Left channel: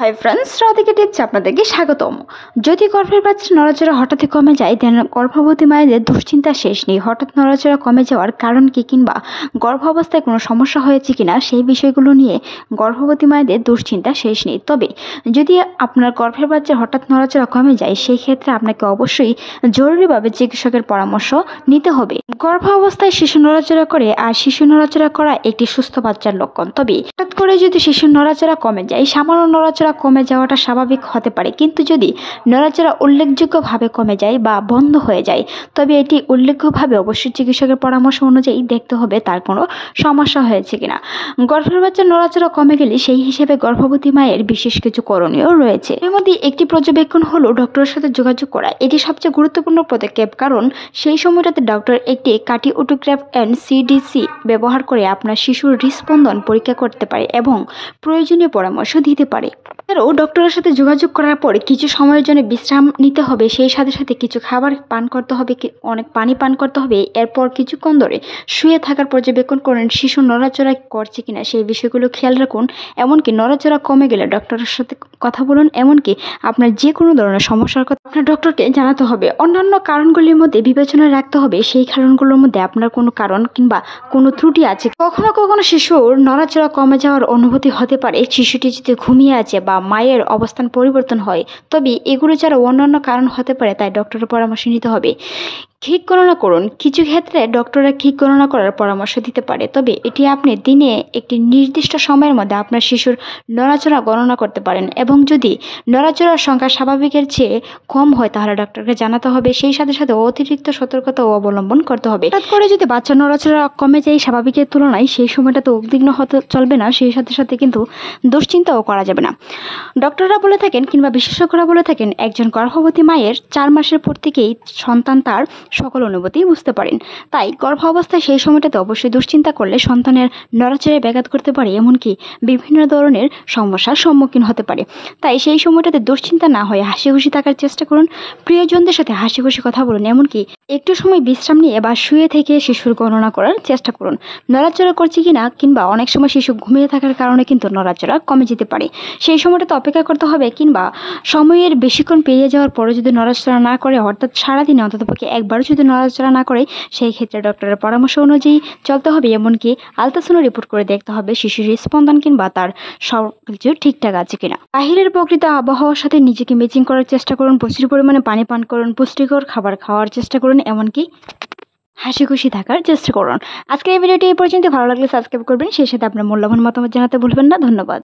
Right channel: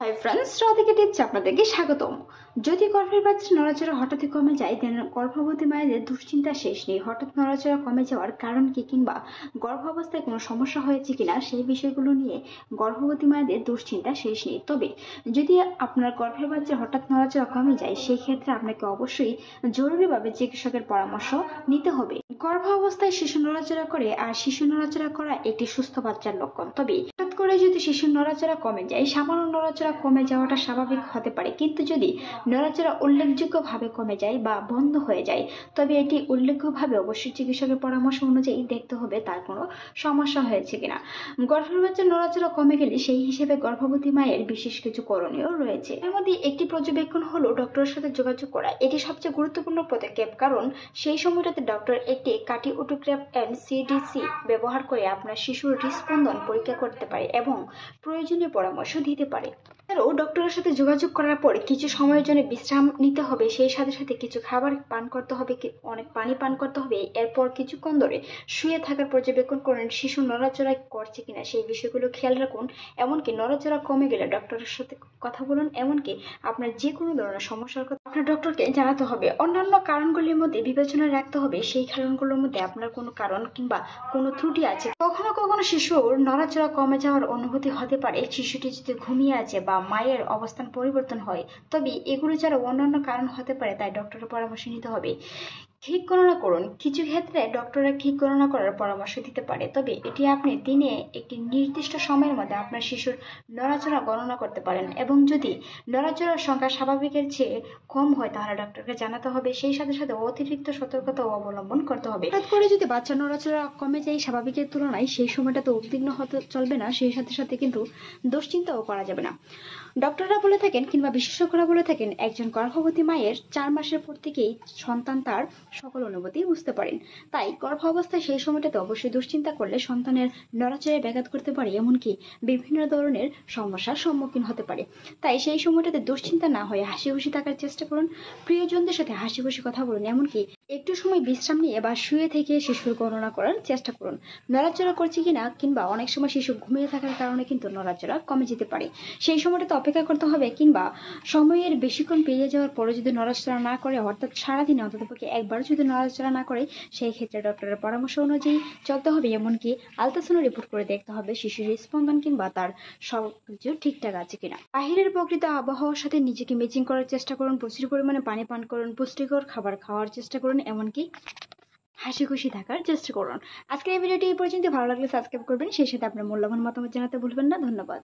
Hi friends, Radhika টিপসে আপনাদেরকে স্বাগতম। যদি গর্ভের বাচ্চার নড়াচড়া হঠাৎই কমে যায়, দেন গর্ভবতী মায়েদের দুশ্চিন্তা শেষ নেই। হঠাৎ নড়াচড়া কমে যাওয়ার কারণ কি, কিংবা গর্ভাবস্থায় কোনো সমস্যা হয়েছে কিনা, সেই বিষয়গুলো নিয়ে গর্ভবতী মায়েদের দুশ্চিন্তা শেষ নেই। তবে যদি আপনার গর্ভের বাচ্চার হঠাৎ নড়াচড়া কমে যায়, সেই ক্ষেত্রে আপনাকে অবশ্যই জরুরিভাবে চিকিৎসকের পরামর্শ নিতে হবে। গর্ভাবস্থায় শিশু নড়াচড়া করে, আর শিশু নড়াচড়া করা একটি সুস্থ বাচ্চার লক্ষণ। তবে হঠাৎ করে যদি শিশুর নড়াচড়া কমে যায়, সামান্য নড়াচড়া কমে যাওয়াটা স্বাভাবিক হতে পারে, কিন্তু যদি নড়াচড়া উল্লেখযোগ্যভাবে কমে যায় বা বন্ধ হয়ে যায়, তবে এটি উল্লেখ্যভাবে অবশ্যই চিকিৎসকের পরামর্শ অনুযায়ী দেখতে হবে তার কোনো সমস্যা হয়েছে কিনা। গর্ভের বাচ্চার নড়াচড়া কমে গেলে সেই হিসেবে গর্ভবতী মায়ের বিশেষ কিছু করণীয় রয়েছে। এর মধ্যে একটি পর্যবেক্ষণ হলো ডক্টরের সাথে যোগাযোগ করা। এটি সবচেয়ে গুরুত্বপূর্ণ পদক্ষেপ, কারণ সেই সময়টাতে ডক্টর একটি কার্ডিওটোগ্রাফ এন্ড সিডিসি ব্যবহার করে আপনার শিশুর হৃদস্পন্দন পরীক্ষা করতে পারে এবং প্রয়োজনীয় পরামর্শ দিতে পারে। এছাড়াও ডক্টরের সাথে যোগাযোগ করার পর কিছু সময়ের জন্য বিশ্রাম নিতে হবে, সেই সাথে সাথে কিছু খাবার পান করতে হবে, অনেক পানি পান করতে হবে। এরপর কিছুক্ষণ ধরে শুয়ে থাকার পর্যবেক্ষণ করেন শিশু নড়াচড়া করছে কিনা, সেই বিষয়গুলো খেয়াল রাখুন। এমনকি নড়াচড়া কমে গেলে ডক্টরের সাথে কথা বলুন। এমনকি আপনার যে কোনো ধরনের সমস্যার কথা আপনার ডক্টরকে জানাতে হবে। অন্যান্য কারণগুলির মধ্যে বিবেচনায় রাখতে হবে সেই কারণগুলোর মধ্যে আপনার কোনো কারণ কিংবা কোনো ত্রুটি আছে। কখনো কখনো শিশুর নড়াচড়া কমে যাওয়ার অনুভূতি হতে পারে শিশুটি যদি ঘুমিয়ে আছে বা মায়ের অবস্থান পরিবর্তন হয়, তবে এগুলো ছাড়া অন্যান্য কারণ হতে পারে, তাই ডক্টরের পরামর্শ নিতে হবে। ক্ষিক গণনা করুন। কিছু ক্ষেত্রে ডক্টররা ক্ষিক গণনা করার পরামর্শ দিতে পারে, তবে এটি আপনি দিনে একটি নির্দিষ্ট সময়ের মধ্যে আপনার শিশুর নড়াচড়া গণনা করতে পারেন, এবং যদি নড়াচড়ার সংখ্যা স্বাভাবিকের চেয়ে কম হয় তাহলে ডক্টরকে জানাতে হবে। সেই সাথে সাথে অতিরিক্ত সতর্কতা অবলম্বন করতে হবে। হঠাৎ করে যদি বাচ্চার নড়াচড়া কমে যায় স্বাভাবিকের তুলনায়, সেই সময়টা তো উদ্বিগ্ন হতে চলবে না, সেই সাথে সাথে কিন্তু দুশ্চিন্তাও করা যাবে না। ডক্টররা বলে থাকেন কিংবা বিশেষজ্ঞরা বলে থাকেন, একজন গর্ভবতী মায়ের 4 মাসের পর থেকেই সন্তান তার সকল অনুভূতি বুঝতে পারেন। তাই গর্ভাবস্থায় সেই সময়টাতে অবশ্যই দুশ্চিন্তা করলে সন্তানের নড়াচড়ায় ব্যাঘাত করতে পারে, এমনকি বিভিন্ন ধরনের সমস্যার সম্মুখীন হতে পারে। তাই সেই সময়টাতে দুশ্চিন্তা না হয়ে হাসি খুশি থাকার চেষ্টা করুন। প্রিয়জনদের সাথে হাসি খুশি কথা বলুন, এমনকি একটু সময় বিশ্রাম নিয়ে বা শুয়ে থেকে শিশুর গণনা করার চেষ্টা করুন নড়াচড়া করছে কিনা, কিংবা অনেক সময় শিশু ঘুমিয়ে থাকার কারণে কিন্তু নড়াচড়া কমে যেতে পারে। সেই সময়টাতে অপেক্ষা করতে হবে, কিংবা সময়ের বেশিক্ষণ পেরিয়ে যাওয়ার পরে যদি নড়াচড়া না করে, অর্থাৎ সারাদিনে অন্ততপক্ষে একবারও যদি নড়াচড়া না করে, সেই ক্ষেত্রে ডক্টরের পরামর্শ অনুযায়ী চলতে হবে। এমনকি আলট্রাসাউন্ড রিপোর্ট করে দেখতে হবে শিশুর স্পন্দন কিংবা তার সব কিছু ঠিকঠাক আছে কিনা। বাহিরের প্রকৃত আবহাওয়ার সাথে নিজেকে ম্যাচিং করার চেষ্টা করুন। প্রচুর পরিমাণে পানি পান করুন, পুষ্টিকর খাবার খাওয়ার চেষ্টা করুন, এমনকি হাসি খুশি থাকার চেষ্টা করুন। আজকের এই ভিডিওটি এই পর্যন্ত। ভালো লাগলে সাবস্ক্রাইব করবেন, সেই সাথে আপনার মূল্যবান মতামত জানাতে ভুলবেন না। ধন্যবাদ।